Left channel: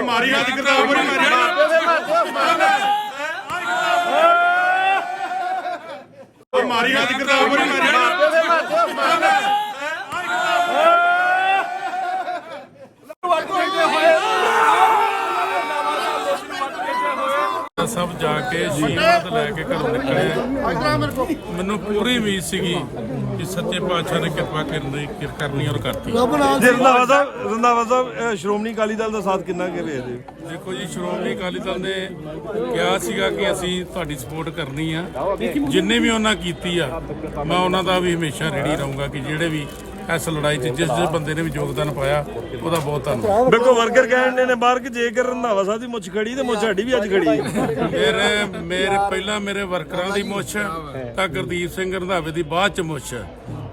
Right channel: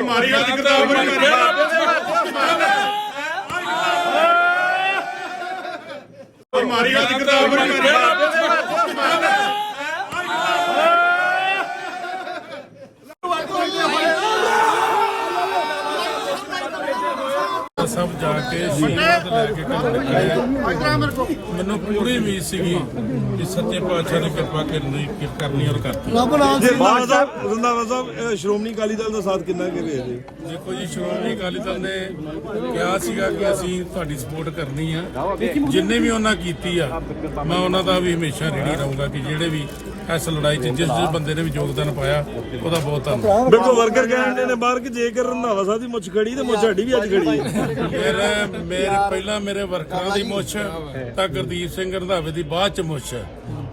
ਮਾਰੀ ਹੋਈ ਕਿਤਾਬ ਮਨ ਮਾਰੀ ਹੋਈ। ਕਿਤਾਬ ਮਨ ਸਭ ਜਾ ਕੇ ਆਸ਼ੀਰਵਾਦ ਲੈ ਕੇ ਘਰੋਂ ਨਿਕਲੇ। ਮੈਨੂੰ ਪੂਰੀ ਉਮੀਦ ਸੀਗੀ ਕਿ ਸੱਚੇ ਪਾਤਸ਼ਾਹ ਨੇ ਕਿਰਪਾ ਕਰਨੀ ਕਰਨੀ ਔਰ ਕਰਤੀ। ਸਾਹਿਬ ਸਾਹਿਬ ਇਹ ਸ਼੍ਰੋਮਣੀ ਅਕਾਲੀ ਦਲ ਦਾ ਸਾਥ ਕਿੰਨਾ ਕੇ ਦੇਖੋ ਜੀ ਸ਼੍ਰੋਮਣੀ ਅਕਾਲੀ ਦਲ ਨੇ ਕਿਹਾ ਸੀਗਾ ਕਿ ਅਸੀਂ ਤੁਹਾਡੀ ਸਪੋਰਟ ਕਰਨੀ ਆ। ਜਿੰਨੇ ਵੀ ਉਹਨਾਂ ਕੀਤੀ ਆ ਮੈਂ ਉਹਨਾਂ ਦਾ ਵੀ ਹਮੇਸ਼ਾ ਰੈਡੀ ਰਹੂੰਗਾ ਕਿ ਜਿਹੜੇ ਵੀ ਇਸ ਲੜਾਈ 'ਚ ਜਿਸ ਜਿਸ ਬੰਦੇ ਨੇ ਵੀ ਯੋਗਦਾਨ ਪਾਇਆ ਉਹਦਾ ਬਹੁਤ ਧੰਨਵਾਦ। ਬਿਲਕੁਲ ਵਰਕਰ ਕਹਿੰਦੇ ਨੇ ਬਾਹਰ ਕਿ ਜੇਕਰ ਰੰਧਾਵਾ ਸਾਹਿਬ ਦੀ ਮੁੱਛ ਖੜੀ ਤੇ ਮੁੱਛ ਸਾਡੀ ਵੀ ਅੱਜ ਖੜੀ ਹੈ। ਮੇਰੇ ਮੇਰੇ ਪਹਿਲਾਂ ਮੇਰੇ ਵਰਕਰਾਂ ਦੀ ਮੁੱਛ ਤਾਂ ਗੁਰਦੀਪ ਸਿੰਘ ਰੰਧਾਵੇ ਦੀ ਬਾਅਦ ਚ ਮੁੱਛ। ਹੈ।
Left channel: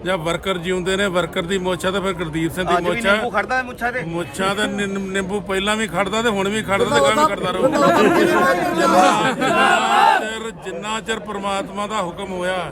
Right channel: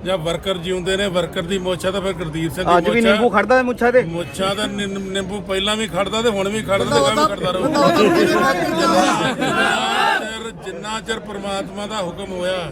ਜਾਂ ਵਰਕਰ ਜਿਉਂਦੇ ਨੇ ਵਰਕਰ ਦੀ ਮੁੱਛ ਆ ਤਾਂ ਫਿਰ ਗੁਰਦੀਪ ਸਿੰਘ ਦੀ ਮੁੱਛ ਆ। ਖੜਦਾ ਹੈ ਮੁੱਛਾਂ ਤੇ। ਮੁੱਛਾਂ ਦਾ ਨਿੰਬੂ ਪਹਿਲਾਂ ਵੀ ਖੜਦਾ ਤੇ ਹੁਣ ਵੀ ਖੜਦਾ ਤੇ ਗਾਂ ਵੀ ਖੜਦਾ ਰਹੂ। ਜਿੰਨਾ ਚਿਰ ਪ੍ਰਮਾਤਮਾ ਦਾ ਹੁਕਮ ਹੋਇਆ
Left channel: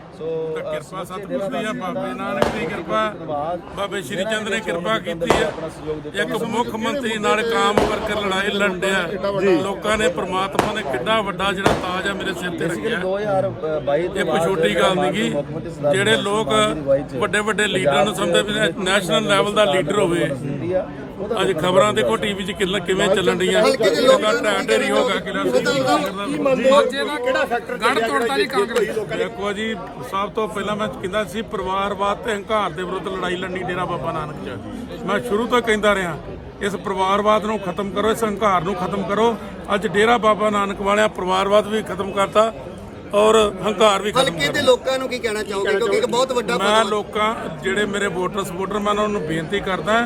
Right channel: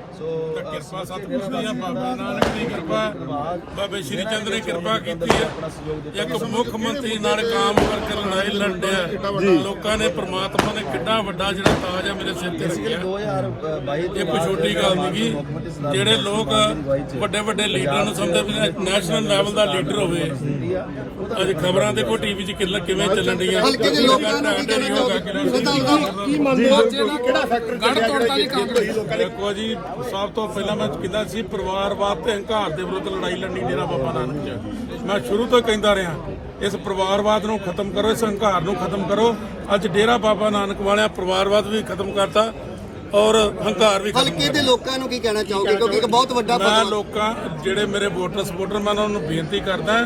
ਕਿਰਪਾ ਸਤਿਗੁਰੂ ਦੀ ਆ ਬਾਬੇ ਨਾਨਕ ਦੀ ਕਿਰਪਾ ਬਾਬੇ ਸ਼੍ਰੀ ਚੰਦ ਨੇ ਕਿਰਪਾ ਕੀਤੀ ਹੈ ਇੱਕ ਮੁੱਖ ਮੰਤਰੀ ਨਾਲ ਕਾਮ ਕਰਕੇ ਲੜਾਈ ਲੜਿਆ ਲੋਕਾਂ ਨੇ ਪ੍ਰਮਾਤਮਾ ਨੇ ਕਿੰਨਾ ਵੱਡਾ ਜਿਹੜਾ ਤਾਜ ਆ ਮੇਰੇ ਸਿਰ ਤੇ ਰੱਖਿਆ। 2022 ਇਹ ਕੋਈ ਛੋਟੀ ਗੱਲ ਨਹੀਂਗੀ ਜਿਹੜੇ ਲੋਕ ਵੱਡੇ ਵੱਡੇ ਲੀਡਰਾਂ ਨੂੰ ਸਮਝਦੇ ਨੈਸ਼ਨਲ ਲੈਵਲ ਦਾ ਲੀਡਰ ਹੋਵੇ। ਅੱਜ ਖਬਰਾਂ ਦੇਖੋ ਟੀਵੀ 'ਚ ਕਿੱਲਾ ਕਿਵੇਂ ਚੱਲਣ ਰਹੀਆਂ। ਲੋਕਾਂ ਦਾ ਢੇਰੀ ਹੋ ਗਿਆ ਕਿਲਾ ਗੜ ਤੋੜਤਾ ਜੀ ਕਾਂਗਰਸ ਦੇਖੋ ਜੀ ਸਭ ਤੋਂ ਪਹਿਲਾਂ ਮੈਂ ਕਹਿੰਦਾ ਸੀ ਪਰਿਵਾਰਵਾਦ ਤੇ ਹੰਕਾਰ ਦੇ ਵਿਰੁੱਧ ਲੜਾਈ ਲੜਨੀ ਡੇਰਾ ਬਾਬਾ ਨਾਨਕ ਚ ਮੈਂ ਸ਼ੁਰੂ ਤੋਂ ਕਹਿੰਦਾ ਰਿਹਾ ਇਸ ਪਰਿਵਾਰਵਾਦ ਨੂੰ ਖਤਮ ਕਰੋ ਇਸ ਹੰਕਾਰ ਨੂੰ ਖਤਮ ਕਰੋ। ਅੱਜ ਡੇਰਾ ਬਾਬਾ ਨਾਨਕ ਵਾਲਿਆਂ ਪਰਿਵਾਰਵਾਦ ਵੀ ਖਤਮ ਕਰਤਾ ਔਰ ਹੰਕਾਰ ਵੀ ਖਤਮ ਹਲਕੇ ਦੇ ਲੋਕਾਂ ਨੂੰ ਕੀ ਕਹਿਣਾ ਚਾਹੋਗੇ? ਕਿਉਂਕਿ ਇੱਕ ਬਹੁਤ ਵੱਡਾ ਮੈਂ ਲੋਕਾਂ ਜਿਹੜੇ ਮੇਰੇ ਵੋਟਰ ਸਪੋਰਟਰ ਮੈਂ ਉਹਨਾਂ ਨੂੰ ਬੇਨਤੀ ਕਰਦਾ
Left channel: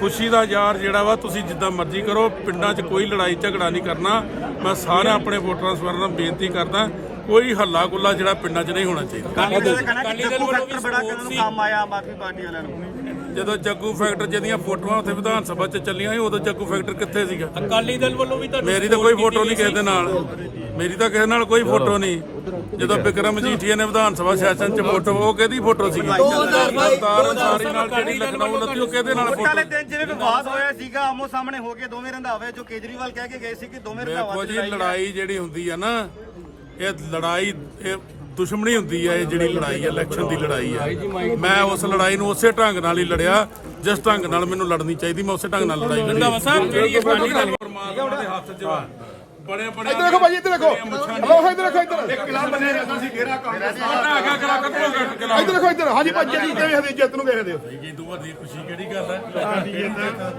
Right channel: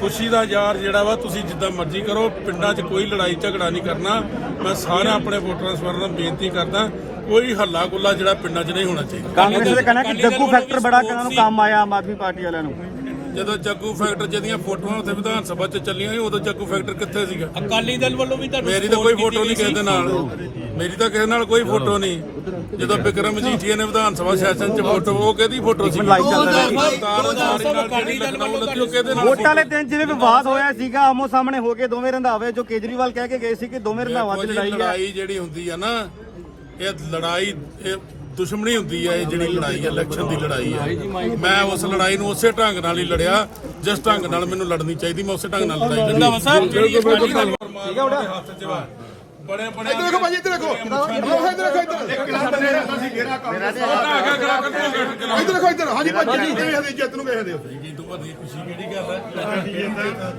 ਖੁਸ਼ੀ ਦਾ ਯਾਰ ਜਿਹੜਾ ਵਾ ਤੁਸੀਂ ਜਿੱਦਾਂ ਮਰਜ਼ੀ ਕਰੋ ਪਿੰਡਾਂ 'ਚ ਕੋਈ ਲੜਾਈ ਝਗੜਾ ਨਹੀਂ ਕਰਨਾ। ਮੈਂ ਸਾਰੇ ਆਪਣੇ ਵੋਟਰਾਂ ਸਪੋਰਟਰਾਂ ਨੂੰ ਬੇਨਤੀ ਕਰਦਾ ਕੋਈ ਹੱਲਾ ਗੁੱਲਾ ਜਿਹੜਾ ਪਿੰਡਾਂ 'ਚ ਨਹੀਂ ਹੋਣਾ ਚਾਹੀਦਾ। ਕਾਂਗਰਸ ਦੇ ਕਹਿਣਾ ਕਿ ਜੱਗੂ ਫੈਕਟਰ ਬੜਾ ਕਿਹਨਾਂ ਨੂੰ ਕੰਮ ਆਇਆ ਆਮ ਆਦਮੀ ਪਾਰਟੀ ਵਾਲਿਆਂ ਨੂੰ। ਜਦੋਂ ਜੱਗੂ ਫੈਕਟਰ ਜਿਹਦੀਆਂ ਫੋਟੋਆਂ ਉੱਥੇ ਵਿਧਾਨ ਸਭਾ 'ਚ ਚੱਲੀਆਂ ਸੀ ਉਦੋਂ ਜੱਗੂ ਫੈਕਟਰ ਕਿੱਥੇ ਸੀਗਾ? ਅਕਾਲੀ ਦਲ ਵੱਲੋਂ ਵੀ ਤੁਹਾਡੀ ਮੇਰੀ ਤਾਂ ਕੋਈ ਫੋਟੋ ਨਹੀਂ ਕਿਸੇ ਦੇ ਨਾਲ। ਮੇਰੀ ਤਾਂ ਕਿਸੇ ਨਾਲ ਕੋਈ ਫੋਟੋ ਨਹੀਂ। ਜਦੋਂ ਵਿਕਰਮ ਮਜੀਠੀਆ ਨੇ ਵਿਧਾਨ ਸਭਾ ਸੈਸ਼ਨ 'ਚ ਫੋਟੋ ਉਹ ਕਿਹਦੀ ਫੋਟੋ ਸੀ? ਸਰਦਾਰ ਅਨਸਾਰੀ ਨਾਲ ਜਿਹੜੀ ਲਖਨਊ ਲੱਗੀ ਉਹ ਕਿਹਦੇ ਨਾਲ ਵੋਟਾਂ ਵਾਲੇ ਫੋਟੋ? ਦਿਨ ਜਿਵੇਂ ਵਿਵਾਦ ਹੋਇਆ ਸੀਗਾ ਆਮੋ ਸਾਹਮਣੇ ਹੋ ਕੇ ਦੋਵੇਂ ਰੰਧਾਵੇ ਜੋ ਕੇਜਰੀਵਾਲ ਕਹਿ ਕੇ ਗਏ ਸੀ ਕਿ ਦੋਵੇਂ ਰੰਧਾਵਾਂ ਦੇਖੋ ਦੀ ਜੀ ਲੜਾਈ ਜਿਹੜੀ ਹੁੰਦੀ ਆ ਨਾ ਇਹ ਲੜਾਈ ਦੁਸ਼ਮਣੀ ਹੁੰਦੀ ਆ ਇਹ ਜਿਹੜੀ ਲੜਾਈ ਆ ਇਲੈਕਸ਼ਨ ਦੀ ਲੜਾਈ ਆ। ਮੈਂ ਉਸ ਲੜਾਈ ਨੂੰ ਉਸੇ ਢੰਗ ਨਾਲ ਹੀ ਲੜਿਆ ਜਿਸ ਢੰਗ ਨਾਲ ਮੈਨੂੰ ਲੜਨੀ ਚਾਹੀਦੀ ਮੈਂ ਉਸੇ ਢੰਗ ਨਾਲ ਲੜਾਈ ਲੜੀ। ਪਰਮਾਤਮਾ ਦੇ ਹੱਥ 'ਚ ਵਾ ਬੜੇ ਬੜੇ ਦੇਖੋ ਭਾਈ ਇੱਧਰ ਦੇਖੋ। ਇੱਧਰ ਦੇਖੋ ਇੱਧਰ ਦੇਖੋ ਇੱਧਰ ਹਾਂਜੀ ਭਾਜੀ ਜੀ ਵੇਖਦੇ ਜਿੱਤ ਨੂੰ ਵੇਖਦੇ ਜੀ ਤੋਂ ਵੱਡੀ ਖੁਸ਼ੀ ਕਿਹੜੀ ਗੱਲ ਹੈ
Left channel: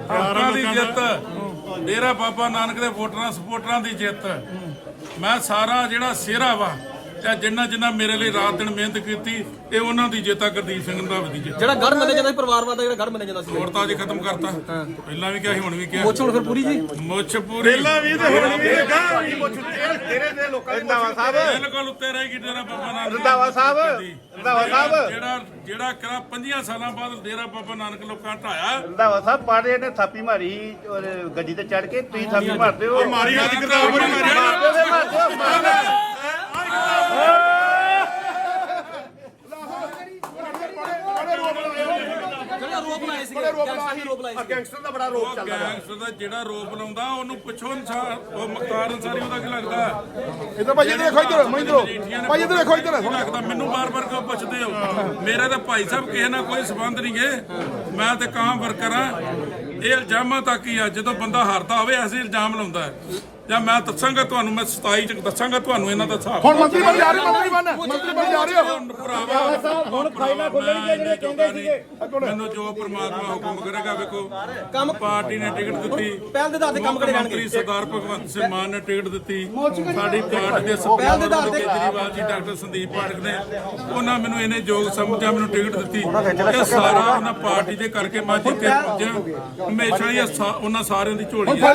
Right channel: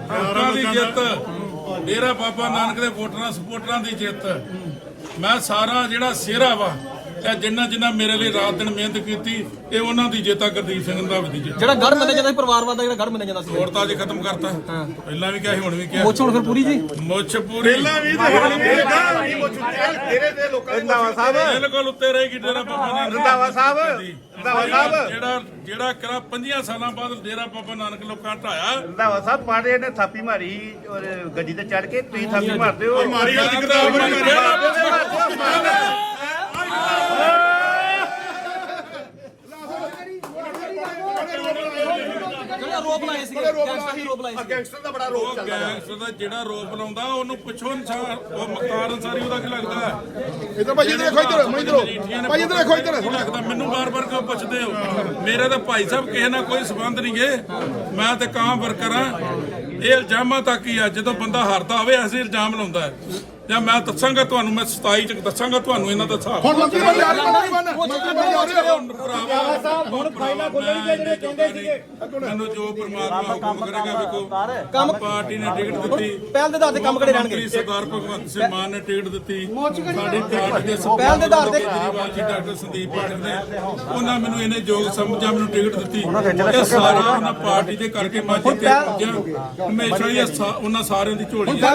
ਲੋਕਾਂ ਦੀ ਜਿੱਤ। ਡੇਰਾ ਬਾਬਾ ਨਾਨਕ ਦੇ ਵੋਟਰਾਂ ਸਪੋਰਟਰਾਂ ਦੀ ਜਿੱਤ। ਮੈਂ ਸਾਰਾ ਜਿਹੜਾ ਸਿਹਰਾ ਵਾ ਤੇ ਜਿੰਨਾ ਜਿੰਨਾ ਮੇਰੇ ਲਈ ਰਾਤ ਦਿਨ ਮਿਹਨਤ ਕੀਤੀ ਇਹ ਉਹਨਾਂ ਦੀ ਜਿੱਤ ਗੁਰਦੀਪ ਸਿੰਘ ਰੰਧਾਵੇ ਦੀ ਜਿੱਤ। ਜਿਹੜਾ ਗੜ ਮੰਨਿਆ ਜਾਂਦਾ ਸੀ ਪਰਿਵਾਰਵਾਦ ਦਾ ਜਿਹੜਾ ਗੜ ਮੰਨਿਆ ਜਾਂਦਾ ਸੀ। ਹੋਰ ਤਾਂ ਅੱਜ ਖਤਮ ਕਰਤਾ। ਪਹਿਲਾਂ ਵੀ ਕਿਹਾ ਸੀ ਹੁਣ ਵੀ ਕਿਹਾ। ਪੁੱਛ ਹੁਣ ਫਿਰ ਪੂਰੀ ਜੀ? ਮੁੱਛ ਪੂਰੀ। ਰੰਧਾਵਾ ਸਾਹਿਬ। ਬਿਲਕੁਲ ਉੱਤੇ ਰਹੇਗੀ ਡੇਰਾ ਬਾਬਾ ਨਾਨਕ ਰੰਧਾਵਾ ਸਾਹਿਬ। ਰੰਧਾਵਾ ਸਾਹਿਬ। ਜਿਹੜਾ ਜਿਹੜਾ ਕਰਾ 50 ਸਾਲਾਂ ਬਾਅਦ ਡੇਰਾ ਬਾਬਾ ਨਾਨਕ ਲੋਕਾਂ ਢਾਇਆ। ਰੰਧਾਵਾ ਸਾਹਿਬ ਪਾੜੇ ਨੇ ਥਾਪੀ ਮਾਰੀ ਔਰ ਗੱਡੀ ਤੇ ਚੜ ਕੇ ਤੁਸੀਂ ਥਾਪੀ ਮਾਰਦੇ ਹੋ। ਮਾਰੀ ਕਿਤਾਬ ਮਾਰਦੇ ਹੋ, ਮਾਰਦੇ ਹੋ, ਮਾਰਦੇ ਹੋ। ਰੋਪ ਲਾਏ ਸੀ ਰੋਪ ਲਾਏ ਸੀ ਉਹ ਗੈਂਗਸਟਰ ਦਾ ਜਿਹੜਾ ਰੋਪ ਲਾਉਂਦਾ ਉਹਨੂੰ ਪੁੱਛੋ ਅਨਸਾਰ ਉਹ ਮੁਖਤਾਰ ਅਨਸਾਰੀ ਉਹਦਾ ਕੀ ਲੱਗਦਾ? ਇਧਰ ਭਾਜੀ ਇਧਰ ਦੇਖੋ ਇਧਰ ਮੈਂ ਇਧਰ ਭਾਜੀ ਇਧਰ ਦੇਖੋ ਇਧਰ। ਕੀ ਲੱਗਦਾ? ਮੈਨੂੰ ਬਾਰ-ਬਾਰ ਕਿਉਂ ਪੁੱਛਦੇ ਹੋ? ਮੇਰੇ ਤਾਂ ਭਾਈ ਸਾਹਿਬ ਕਿਸੇ ਨਾਲ ਕੋਈ ਸਬੰਧ ਨਹੀਂ ਗੇ। ਮੈਂ ਤੇ ਕਾਂ ਵਰਕਰ ਆ ਇਹ ਇਲਜ਼ਾਮਾਂ ਤੱਕ ਹੀ ਆ ਜਦੋਂ ਬੰਦਾ ਹਾਰਦਾ ਹੋਵੇ ਐਸੇ ਇਲਜ਼ਾਮ ਲਾਉਂਦਾ ਹੈ। ਜਾਂ ਮੈਂ ਦੱਸਾਂਗਾ ਤੁਹਾਨੂੰ ਮੈਂ 27 ਚ ਦੱਸਾਂਗਾ ਤੁਹਾਨੂੰ ਇਹਨਾਂ ਦਾ ਹਿਸਾਬ। ਹੁਣ ਮੰਤਰੀ ਬਣ ਜਾ ਰਹੇ ਮੰਤਰੀ ਬਣ ਮੰਤਰੀ ਬਣ ਜਾ ਰਹੇ ਹੁਣ ਭਰਾਵਾ ਹੁਣ ਫਾਈਲਾਂ ਖੋਲਣਗੇ ਜਿਹੜੇ ਕਹਿੰਦੇ ਸੀਗੇ। ਮੈਨੂੰ ਜੋ ਪ੍ਰਮਾਤਮਾ ਹੁਕਮ ਕਰੇਗਾ ਵੇਖੋ। ਕੰਮ ਪਾਰਟੀ ਨੇ ਟਿਕਟ ਦਿੱਤੀ। ਪਹਿਲ ਦੇ ਤੇ ਕੰਮ ਮੁੱਖ ਮੰਤਰੀ ਸਰਦਾਰ ਭਗਵੰਤ ਸਿੰਘ ਮਾਨ ਨੇ ਟਿਕਟ ਦਿੱਤੀ। ਸਾਡੀ ਪਾਰਟੀ ਦੇ ਸਪੀਕਰ ਕੇਜਰੀਵਾਲ ਜੀ ਡਾਕਟਰ ਸੰਦੀਪ ਪਾਠਕ ਨੇ ਉਹਨਾਂ ਮੈਨੂੰ ਇਹਨੇ ਯੋਗ ਸਮਝਿਆ ਮੈਨੂੰ ਟਿਕਟ ਦਿੱਤੀ। ਇਹ ਸਾਰਾ ਉਹਨਾਂ ਪਾਰਟੀ ਦੇ ਕਰਕੇ ਮੈਂ ਪਹੁੰਚਿਆ। ਹਮੇਸ਼ਾ ਹੀ ਉਹਨਾਂ ਸਾਰਿਆਂ ਦੀ ਝੋਲੀ ਹੈ।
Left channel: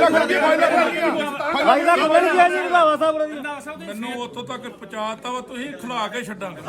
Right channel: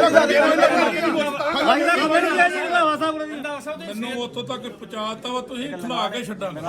ਮੈਨੂੰ ਉੱਥੋਂ ਤੱਕ ਪਹੁੰਚਾਤਾ ਵਾ ਤੁਸੀਂ ਖਿਲਾ ਕੇ ਛੱਡਾਂਗੇ।